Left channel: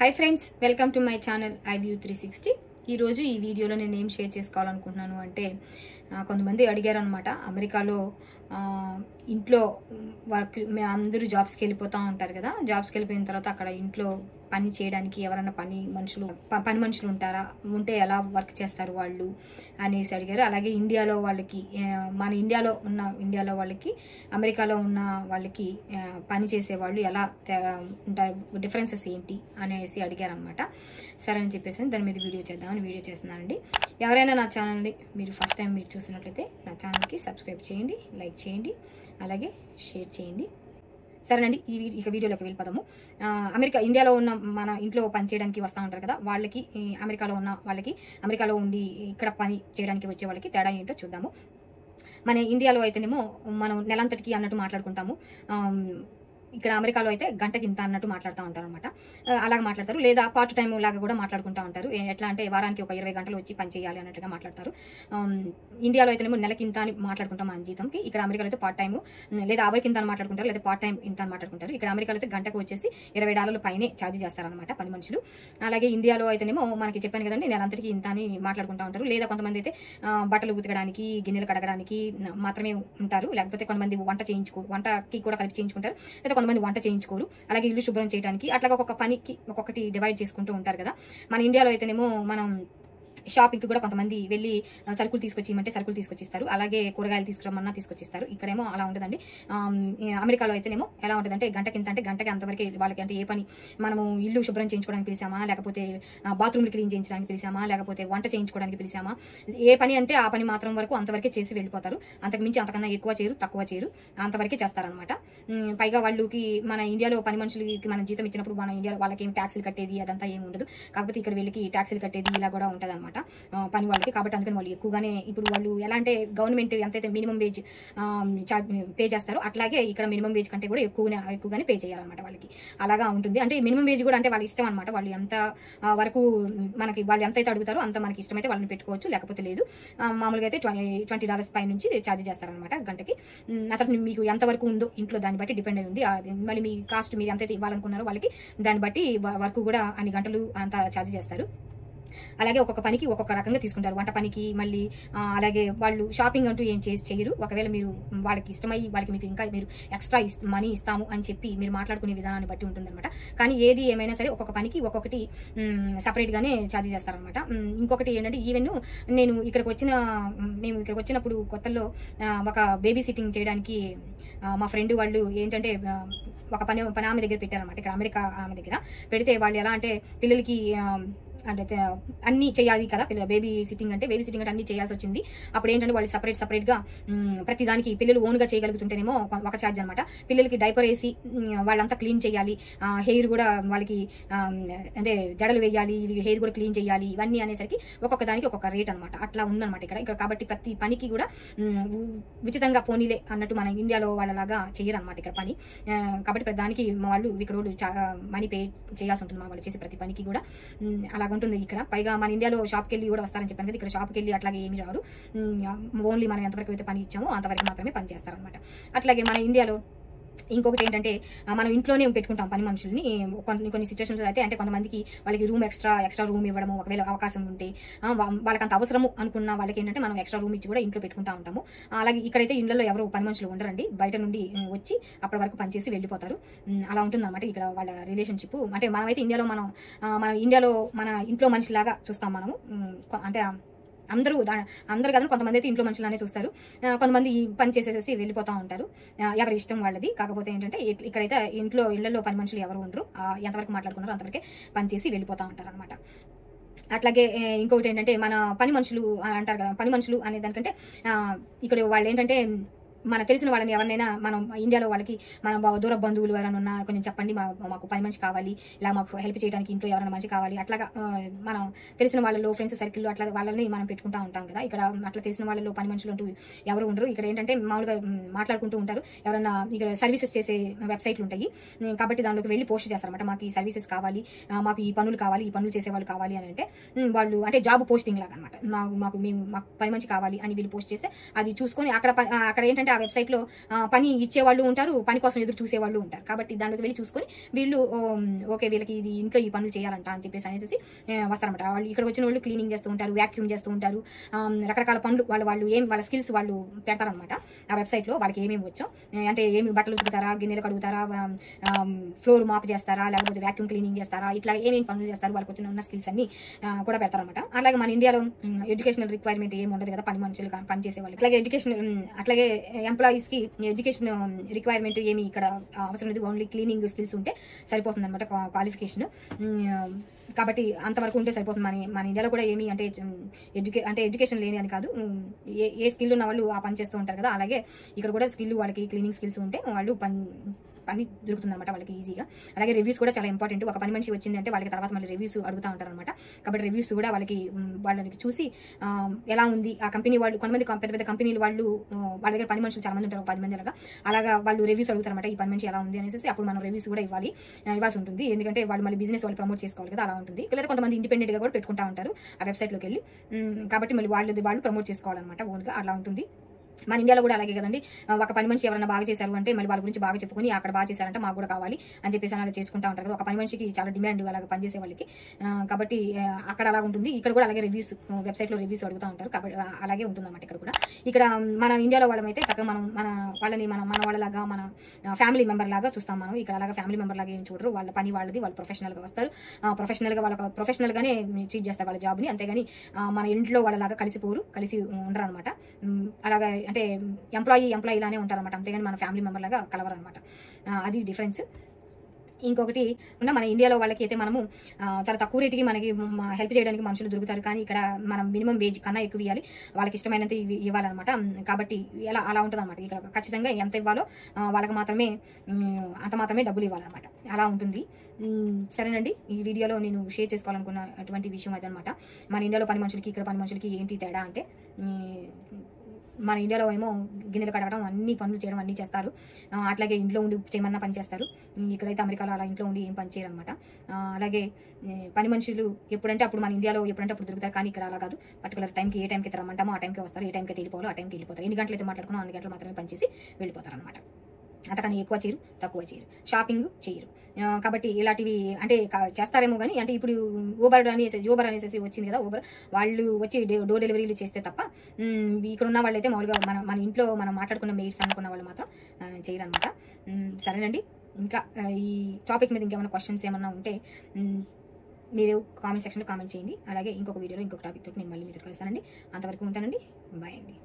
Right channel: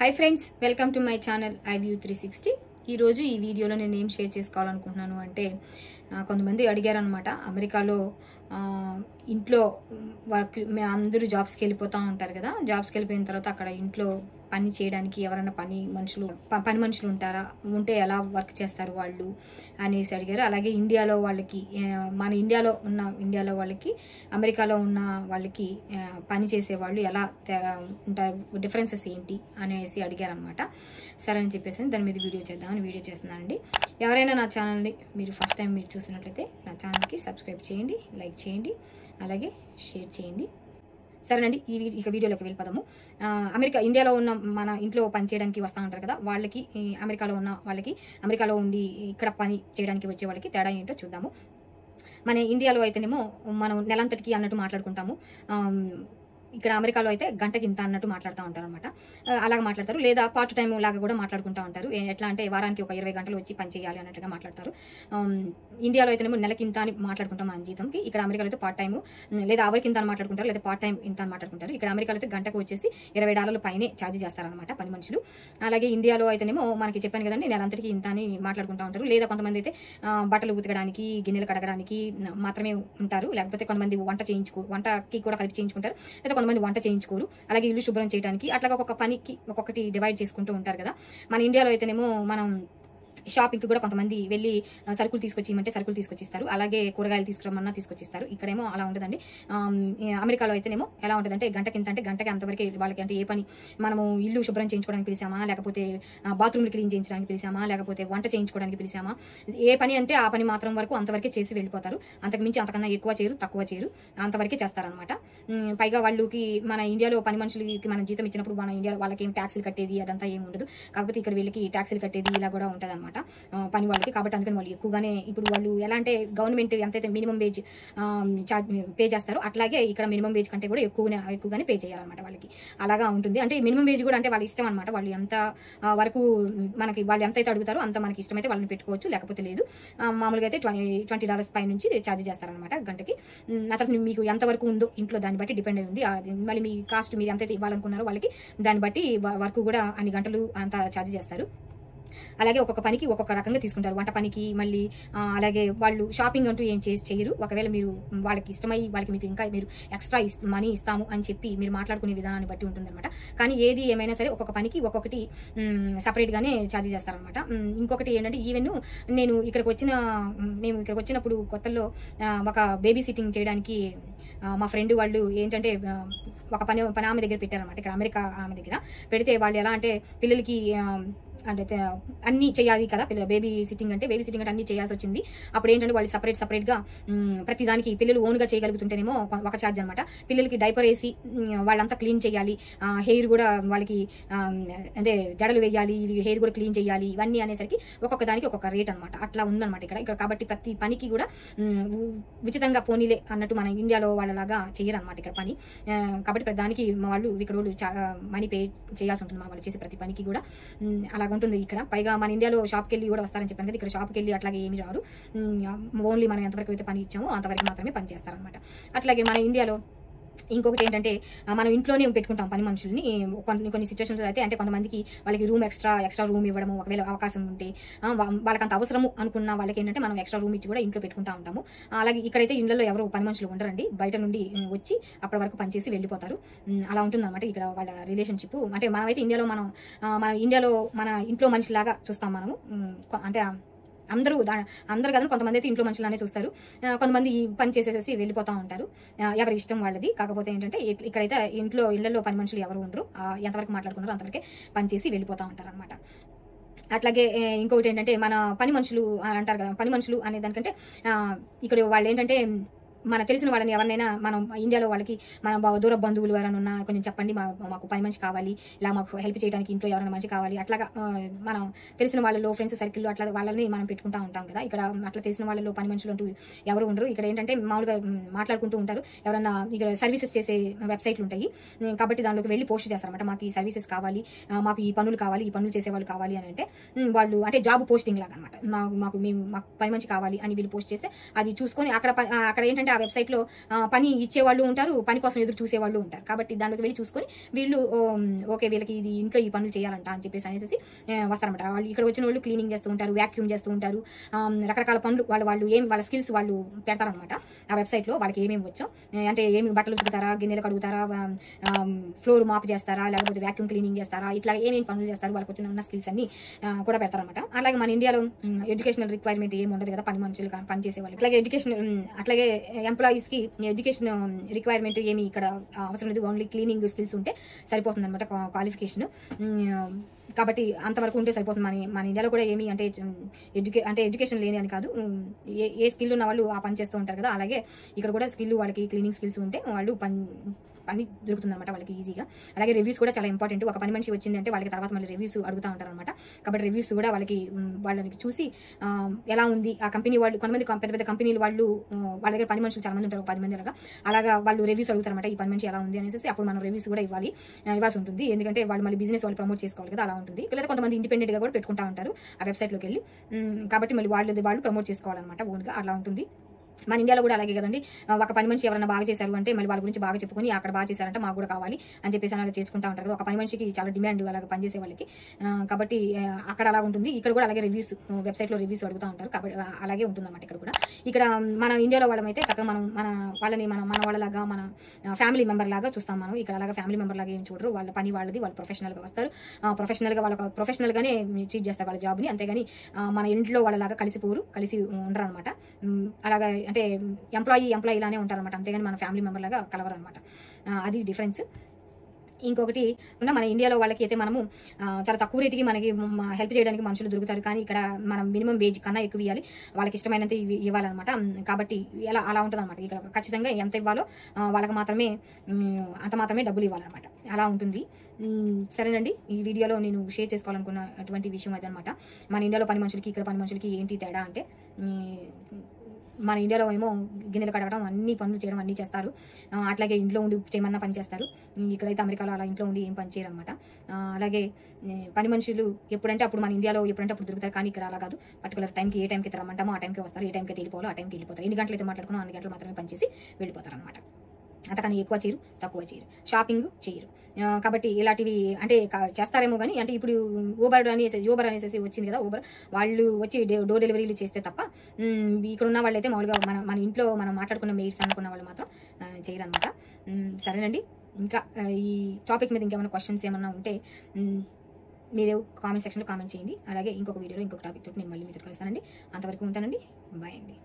Hi friends, welcome to my channel iView 360. ఈరోజు ఈ వీడియోలో నేను ఏం షేర్ చేసుకోవాలనుకుంటున్నాను అంటే, కొంతమంది అడిగారు అనమాట. అమెరికాలో ఇంట్లో వర్క్ అందరూ జాబ్స్కి వెళ్ళిపోతూ ఉంటారు కదా. జాబ్స్కి వెళ్ళిపోయిన తర్వాత అక్కడ ఇంట్లో పని చేయడానికి ఎవరైనా పని మనుషులు ఉంటారా, ఉంటే ఎలా వర్క్ చేస్తారు వాళ్ళు అనేసి అడిగారు. అలాగే ఇండియాలో వాళ్ళకి, మన ఇండియాలో వాళ్ళకి అమెరికాలో ఉన్న వాళ్ళకి పని చేసే వాళ్ళు ఎలా ఉంటాయి, డిఫరెన్సెస్ ఏంటి అనేసి అడిగారు అనమాట. సరే అని చెప్పేసి దాని మీద వీడియో చేద్దామని వీడియో చేస్తున్నానండి. ఎవరైనా నా ఛానల్ని మీరు ఫస్ట్ టైం మీరు చూసినట్లయితే నా ఛానల్కి సబ్స్క్రైబ్ చేయండి, లైక్ చేయండి, అలాగే షేర్ చేయండి. సరేనండి, ఇక వీడియోలోకి వెళ్ళిపోదాము. ఇండియాలో ఉన్న మన ఇంట్లో పని చేయడానికి వస్తూ ఉంటారు కదా, వాళ్ళకి అమెరికాలో ఉండి ఇక్కడ పని చేయడానికి వచ్చే వాళ్ళకి తేడా ఏంటో చూద్దాము. మన ఇండియాలో అయితేనేమో మనం నెలంతటికి అన్నట్టు మాట్లాడుకుంటాము. ఇక్కడ అమెరికాలో అయితే గంటకి ఇంత అన్నట్టు మాట్లాడుతూ ఉంటారు అనమాట. అలాగే మాట్లాడతారు, లేదా పార్ట్ టైం లాగా కూడా మాట్లాడుకుంటూ ఉంటారు. ఎట్లా అంటే వారానికి ఒక 20 గంటలు వచ్చి పని చేయాలి అన్నట్టుగా మాట్లాడతారు. ఇండియాలో అయితేనేమో నెలకి ఇంత అని మాట్లాడుకుంటాం మన జీతంకి. ఇక్కడ అమెరికాలో అయితే పార్ట్ టైం లేదా అవర్కి ఇంత అని మాట్లాడుకుంటారు, లేదా పార్ట్ టైం ఇంత అని మాట్లాడుకుంటారు. ఇక్కడ అమెరికాలో అయితే గంటకు వచ్చేసి $20 పైనే ఛార్జ్ చేస్తారనమాట పని మనుషులు. అలాగే ఇండియాలో అయితేనేమో మనకి చెప్పాను కదండి, నెలంతటికి ఇంత అని మాట్లాడుకుంటూ ఉంటారు. లేదా కొంతమంది అయితే బట్టలు ఉతకడానికి, గిన్నెలు కడగడానికి మాత్రమే ఉంటారు. లేకపోతే కొంతమంది వంటకి కూడా కలిపి చేయించుకుంటారు, లేదా కొంతమంది వంట చేయించుకోరు. అలాగే ఇల్లు శుభ్రం చేయడానికి, అట్లా ఒక్కొక్క పనికి ఒక్కొక్కటి డివైడ్ చేసుకుంటూ ఉంటారు కదా. మన ఇండియాలో అయితేనేమో మనం షాపింగ్కి కూడా కొంతమంది వెళ్ళి సరుకులు తీసుకొచ్చిమంటే సరుకులు తీసుకొచ్చిస్తారు, అలాగే కూరగాయలు తీసుకురమ్మన్నా తీసుకొచ్చిస్తారు. ఇక్కడేమో అలా ఉండదండి. అమెరికాలో అయితేనేమో ఎలా ఉంటుందంటే, గంటకి ఇంత అంటే గంటకి అంతవరకే వాళ్ళకి. అంటే ఏ పని, మనము ఇల్లు శుభ్రం చేయించుకోవడానికి పిలిచామా, లేకపోతే బాత్రూమ్లు క్లీన్ చేయించడానికి పిలిచామా, లేకపోతే వంట చేయించుకోవడానికి పిలిచామా, ఏ పని అంటే ఆ పని మాత్రం వరకు అంతవరకే చేసి వెళ్ళిపోతారు. అంతకుమించి అంతకన్నా ఎక్కువ చేయరు, తక్కువ చేయరు, అంతవరకే చేస్తారనమాట. పైగా వాళ్ళకి మన ఇండియాలో పని మనుషులకి మనం జీతం ఇచ్చినప్పుడు మన ఇండియాలో వాళ్ళకి ఏం ట్యాక్స్లు కట్టేది అదంతా ఏమి ఉండదు. కాకపోతే ఇక్కడ వీళ్ళకి ట్యాక్స్లు కట్టేది ఇలా కూడా ఉంటుంది అనమాట పని వాళ్ళకి. కాబట్టి అందుకని వాళ్ళు ఎక్కువగానే, ఇప్పుడు వాళ్ళు ఎలా అంటే గవర్నమెంట్ ఎంతైతే మినిమం వేజ్ పే చేస్తారో అట్లాగే ఇక్కడ మినిమం వేజ్ కంటే కూడా ఎక్కువగానే పే చేయాలన్నమాట వాళ్ళకి. అలాగా ఉంటుంది. అంటే మినిమం వేజ్ కూడా అంటే వాళ్ళ ఇష్టం అనమాట. వాళ్ళు ఎంత వరకు వాళ్ళు ఎంత అయితే అడుగుతారో అంత మనకి ఇష్టమైతే వాళ్ళని పెట్టుకోవచ్చు, లేకపోతే లేదు. మామూలుగా అయితే $20 పై నుంచి ఛార్జ్ చేస్తారనమాట గంటకి. అతను మీకు ఎంత వరకు ఉందో ఇంట్లో దాన్ని బట్టి డిపెండ్ అయింది. మళ్ళీ మీ కాస్ట్ మీరు ఎంతైతే ఇవ్వాలనుకున్నారో వాళ్ళకి దాన్ని బట్టి వర్క్ కూడా అన్ని గంటలు అంత ఛార్జ్ చేస్తారు. అలాగే ఒక్కొక్క పనికి ఒక్కొక్క రకంగా తీసుకుంటారు. వంట పనికి మళ్ళీ అలాగే వాళ్ళు షాపింగ్ అంటూ ఏం చేయరు. ఒకవేళ మీరు వాళ్ళకి ఇష్టమై వాళ్ళకి మీకు ఇంకా మీరు ఎక్స్ట్రా మనీ ఇస్తాము అని చెప్పి మీరు మాట్లాడుకునే విధానాన్ని బట్టి ఉంటుందన్నమాట. కానీ ఏది ఏమైనా సరే ఒక్కొక్క పనికి ఒక్కొక్కటి సపరేట్గానే ఛార్జ్ చేస్తారనమాట. ఇంకొకటి ఏంటంటే, ఈవెన్ మేము ఇక్కడికి వచ్చినప్పుడు కొత్తలో ఒక బేబీ సిట్టింగ్ చేయడానికి మా ఫ్రెండ్ వాళ్ళు ఏంటంటే ఒక పని ఆమె దగ్గర పెట్టారనమాట. ఇక్కడ అమెరికా ఆమె దగ్గర పెడితే వాళ్ళు ఎలా అంటే, పిల్లలకి అంటే అన్నీ చేయాలి కదా, బేబీ సిట్టింగ్ అంటే అన్నీ చేయాల్సి వచ్చింది. అప్పుడు ఏంటంటే వాళ్ళు సపరేట్గా ప్రతిదానికి పిల్లలు ఓన్గా చేయగలుగుతుంటేనేమో ఒక ఛార్జ్ అనమాట. పిల్లలకి డైపర్ వేసి వాళ్ళంతా క్లీన్ చేయాలి, హెయిర్ కూడా వాళ్ళకి అంటే జడలు వేయాలి, హెయిర్ కూడా క్లీన్ చేయాలి, ఇవన్నీ అనేసరికి ఒక్కొక్క దానికి ఒక్కొక్క రేట్ అనమాట. అట్లా ఉందన్నమాట ఇక్కడ. కాబట్టి ప్రతి పనికి కూడా ఉచితంగా పోనీలే అన్నట్టు మన ఇండియాలో వాళ్ళలాగా చేయరనమాట ఇక్కడ పని. కాబట్టి ప్రతి దానికి వాళ్ళు మనీ పే చేయాల్సి ఉంటుంది వాళ్ళు చేసే ప్రతి పనికి కూడా. అలాగ ఉంటుంది ఇక్కడ. పైగా మన ఇండియాలో షాప్కి వెళ్ళి కూడా వస్తారని చెప్పాను కదా, ఇక్కడ షాప్కి వెళ్ళి అట్లాగే ఏమి రారు. ఓన్లీ మనం ఎంతవరకు అయితే పని ఇచ్చామో అంతవరకు మాత్రమే పని చేస్తారనమాట. అట్లాగే మన ఇండియాలో ఇంకొకటి ఏంటంటే, మనం ఇంట్లోనే పెట్టుకుంటాం పని మనుషుల్ని. కొన్ని సిచ్యువేషన్స్ అయితే అంటే కొంతమందికి వాళ్ళకి ఎక్స్ట్రా రూమ్ ఇవ్వడము, ఒకవేళ అవకాశం ఉంటే వాళ్ళకి అంత అవసరము అనుకున్న వాళ్ళకి ఏంటంటే మనం ఎక్స్ట్రా రూమ్ ఇచ్చి కూడా ఇంట్లో పెట్టుకుంటూ ఉంటాము. అలాగే ఇక్కడైతే ఇళ్లలో ఎవరు పని మనుషులు ఉండరండి, బయట నుండి వచ్చి అప్పటి వరకు పనిచేసి వెళ్ళిపోతారు. అలా ఉంటుందన్నమాట ఇక్కడ వాళ్ళ రిలేషన్షిప్. అంటే మనమైతే ఇండియాలో మన ఇంట్లో మనిషిలాగా చూస్తాం మనము. అంటే అందరూ కదా, కొంతమంది అయితే ఇంట్లో మనుషులనే చూస్తారు, కొంతమంది పని చేసేసి వెళ్ళిపోతూ ఉంటారు. ఎవరి ఇష్టం వాళ్ళది. కాకపోతే ఏంటంటే ఇక్కడైతే ఇళ్లలో పని మనుషులు ఎవరు ఉండరు. ఎంతవరకు మాట్లాడుకున్నారో అంతవరకే పని చేసి వెళ్ళిపోతూ ఉంటారు అనమాట. అట్లాగే ఇంకొకటి ఏంటంటే, మన పని మనుషులు అంటారు కదా, పని మనుషులు అనే దానికంటే ఇక్కడ వాళ్ళు ఏంటంటే, మన తెలిసిన వాళ్ళని ఎవరినైనా మనం ఇండియాలో వాళ్ళకి మన దూర బంధువులు ఎవరైనా ఉన్నా కొంచెం చెప్పండి, మాకు పని మనిషి కావాలి, ఇలా మాకు హెల్ప్ చేయడానికి ఇంట్లో ఎవరైనా మనిషి కావాలి, అట్లాగా మనం తెలిసిన వాళ్ళలో ఫ్రెండ్స్ సర్కిల్లో అట్లా వాళ్ళని మనం పెట్టుకుంటూ ఉంటాం కదా. ఇక్కడ అట్లా తెలిసిన వాళ్ళలో పని మనుషులు అంటూ ఎవరు ఉండరు. ఇక్కడ ఏంటంటే మామూలుగా మాట్లాడుకుంటూ ఉంటారు. ఎవరైనా ఇక్కడ సర్వీసెస్ చేసే వెబ్సైట్లు ఉంటాయి, కాబట్టి దాంట్లోకి వెళ్ళి పోస్ట్ చేస్తారన్నమాట. మాకు ఈ సర్వీసెస్ కావాలి, మాకు ఈ పనులు కావాలి, ఈ పనులు చేసేవాళ్ళు కావాలి అని అంటే వాళ్ళు అంటే జాబ్ పోస్టింగ్ లాగా అనమాట. మాకు పని మనిషి కావాలి అని వీళ్ళు పోస్ట్ చేస్తే అది చూసుకొని అక్కడ ఏంటంటే ఆ వెబ్సైట్లో పని ఇచ్చేవాళ్ళు ఉంటారు, పని కోసం ఎదురు చూసేవాళ్ళు ఉంటారు. కాబట్టి దానికి వెళ్ళి చూసుకొని వీళ్ళు ఓకే వీళ్ళకి ఇది ఇంట్లో ఈ పనులు చేయాలంట అని చెప్పేసి అనేసి వస్తారనమాట. వాళ్ళు ఇక్కడ వచ్చిన వాళ్ళు క్లీనింగ్ చేస్తూ ఉంటారు, వ్యాక్యూమ్ చేస్తూ ఉంటారు, రకరకాల పనులు వాళ్ళు వాళ్ళ స్కిల్స్ వాళ్ళు పెడతారనమాట ఆ వెబ్సైట్లో. వాళ్ళకి ఏమేమి వచ్చాం అంటే ఏమి బట్టలు ఉతుకుతారా, గిన్నెలు కడుగుతారా, ఫ్లోర్ మాప్ చేస్తారా, లేకపోతే వ్యాక్యూమ్ క్లీనింగ్ చేస్తారా, ఇట్లా ఏమేమి పనులు చేస్తారు వాళ్ళకి వచ్చిన ఉన్న స్కిల్స్ అన్ని కూడా పెడతారనమాట. అలాగే మన ఇండియాలో ఎడ్యుకేషనల్ రిక్వైర్మెంట్ ఏమి ఉండదు కదా పని మనుషులు పని చేసే వాళ్ళు. అట్లాగే ఎంప్లాయీస్ కి ఎడ్యుకేషన్ రిక్వైర్మెంట్ ఏమి ఇక్కడ అవసరం లేదు, ఓన్లీ క్లీనింగ్ స్కిల్స్ ఉంటే సరిపోతుంది అనమాట క్వాలిఫికేషన్. కాబట్టి అంతవరకు ఉంటే సరిపోతుంది. మన ఇండియాలో కూడా ఏమి అంటే ఎడ్యుకేషన్ లేని అని కాదు, ఏ స్కిల్ ఉన్న వాళ్ళు ఆ పని చేస్తూ ఉంటారు కదా, అలాగే ఇక్కడ కూడా స్కిల్ వాళ్ళకి క్లీనింగ్ స్కిల్స్ ఉంటే వాళ్ళు పని దొరుకుతుంది అనమాట వాళ్ళకి ఈజీగా. అలాగే రివ్యూస్ కూడా చాలా ఇంపార్టెంట్. ఒక పని మనిషి వచ్చిందంటే వాళ్ళకి తర్వాత మళ్ళీ రివ్యూస్ అడుగుతూ ఉంటారు అనమాట. కాబట్టి రివ్యూస్ కూడా వాళ్ళని చూసి ఎలా ఉంది ఆ కంపెనీ వాళ్ళు, కొంతమంది పెద్ద పెద్ద కంపెనీలు వాళ్ళు వాళ్ళ దగ్గర పని మనుషులు చాలా మంది ఉంటారు, 10 మంది అలాగా వాళ్ళు రివ్యూస్ అడుగుతారు అనమాట. ఈ పని మనిషి ఎలా ఉంది అనేసి అప్పుడు మనం రివ్యూస్ కూడా ఇవ్వాల్సి ఉంటుంది. ఎందుకంటే వాళ్ళు మళ్ళీ బిజినెస్ వాళ్ళు ప్రమోట్ చేసుకోవాలి కదా, అలా ఉంటుంది. లేదా కొంతమంది ఇండిపెండెంట్ గా కూడా పెట్టుకుంటా ఉంటారు ఆ వెబ్సైట్లోకి వెళ్ళి. కాబట్టి మళ్ళీ వాళ్ళు ప్రమోట్ చేసుకోవాలన్నమాట ఓన్గా, అలా ఉంటుంది. మన ఇండియాలో కూడా అలాగే కదండి. ఒక పని మనిషి ఎవరైనా బాగా చేశారు అంటే మళ్ళీ వాళ్ళ గురించి బాగా చెప్పుకొని అక్కడ బాగా చేశారంటే మాకు కూడా కావాలి అని చెప్పేసి అలా చేసుకుంటా ఉంటారు కదా. ఒక పని మనిషికి చాలా డిమాండ్ అలాగే పనిచేసే వాళ్ళకి. కాబట్టి అక్కడ అలా ఉంటుంది. ఇక్కడ కూడా అలాగే రివ్యూస్ వెబ్సైట్లో రివ్యూస్ అడుగుతూ ఉంటారు. కాబట్టి అలాగే ఉంటుంది అన్నమాట ఇక్కడ కూడా. ఇక్కడ మన ఇండియాలో వాళ్ళమైతే చక్కగా మన వాళ్ళలాగా మన ఫ్యామిలీ మెంబర్ లాగా చూస్తాం మనం. ఇక్కడ అలాగా ఫ్యామిలీ మెంబర్ లాగా ఏం చూడరు. వాళ్ళ పని వాళ్ళది, వాళ్ళు ప్రొఫెషనల్గా వస్తారు, ప్రొఫెషనల్గానే ట్రీట్ చేస్తారు వాళ్ళ జాబ్ని. అంతేగాని మన ఇంట్లో వాళ్ళలాగా కలిసి ఉండరు అనమాట. అలాగా అంటే ఎంప్లాయీ లానే ఉంటారు అనమాట. అంతేగాని మన ఫ్యామిలీ మెంబర్ లాగా కలవరు అనమాట. అది డిఫరెన్స్. ఇంకొకటి మన ఇండియాలో వాళ్ళకి అయితే మనము చాలా తక్కువ రేటుకి మనకి హెల్ప్ చేయడానికి మనుషులు దొరుకుతారు. కానీ ఇక్కడ మనం మినిమం వేజ్ కన్నా ఎక్కువ ఇవ్వాలి, వాళ్ళకి ఇష్టమైనంత ఇవ్వాలన్నమాట. కాబట్టి అలా ఉంటుంది అనమాట. ఇక్కడ ఖచ్చితంగా ఎంత ఇవ్వాలో వాళ్ళకి మాత్రమే అంత మాత్రమే డబ్బులు ఇవ్వాలన్నమాట. అలా ఉంటుంది. సరేనండి, ఈ వీడియోలో నేను షేర్ చేసుకోవాలనుకున్న అటువంటి విషయం అదనమాట. మన ఇండియాలో పని మనుషులకి ఇక్కడ పని మనుషులకి ఏంటి తేడా అంటే, మన ఇండియాలో ఏమో గిన్నెలు కడగడం, అన్ని పనులు చేయడం అన్నీ చేస్తారు. అట్లాగే ఇంట్లో ఉండి చేయమన్నా పని చేస్తారు. ఇక్కడైతే అమెరికాలో అలా ఇంట్లో ఉండి ఏం పని చేయరు అనమాట. అలాగే పని మనుషులు ఎప్పుడంటే అప్పుడు మన ఇండియాలో ఎప్పుడంటే అప్పుడు తిరుగుతారు. కానీ ఇక్కడ అలా కాదు. పర్టికులర్ టైంకి ఏ టైంకి రమ్మంటామో ఆ టైంకి వస్తారు, ఏ టైంకి వెళ్ళిపోవాలో ఆ టైంకి వెళ్ళిపోతారు. ఎన్ని గంటలు అయితే మాట్లాడుకున్నాం అన్ని గంటలు మాత్రమే పనిచేసి వెళ్ళిపోతారు అనమాట. అంతకన్నా ఎక్కువ చేయరు, తక్కువ చేయరు, షాపింగ్ చేయరు. కాబట్టి ఇలాంటివి అంటే చేస్తారేమో కానీ, అంటే ఇప్పుడు ఊబర్ అనేసి వచ్చింది కదా, ఊబర్ వాళ్ళు వచ్చి డోర్ డెలివరీలు చేస్తే తప్ప ఇక్కడ ఉన్న వాళ్ళు అయితే మామూలుగా మన ఇంట్లో మనం మాట్లాడుకున్న మెయిట్స్ అనుకున్న వాళ్ళు మాత్రం చేయరు అనమాట. సరేనండి, ఇంకా ఈ టాపిక్ మీద ఇంకేమైనా క్వశ్చన్స్ ఏమన్నా ఉంటే మీరు కామెంట్ సెక్షన్లో కామెంట్ చేయండి. అలాగే ఇంకొక వీడియోలో ఇంకొక టాపిక్ తోటి నేను మళ్ళీ కలుస్తానండి. అంతవరకు ఉంటానండి. బాయ్ అండి.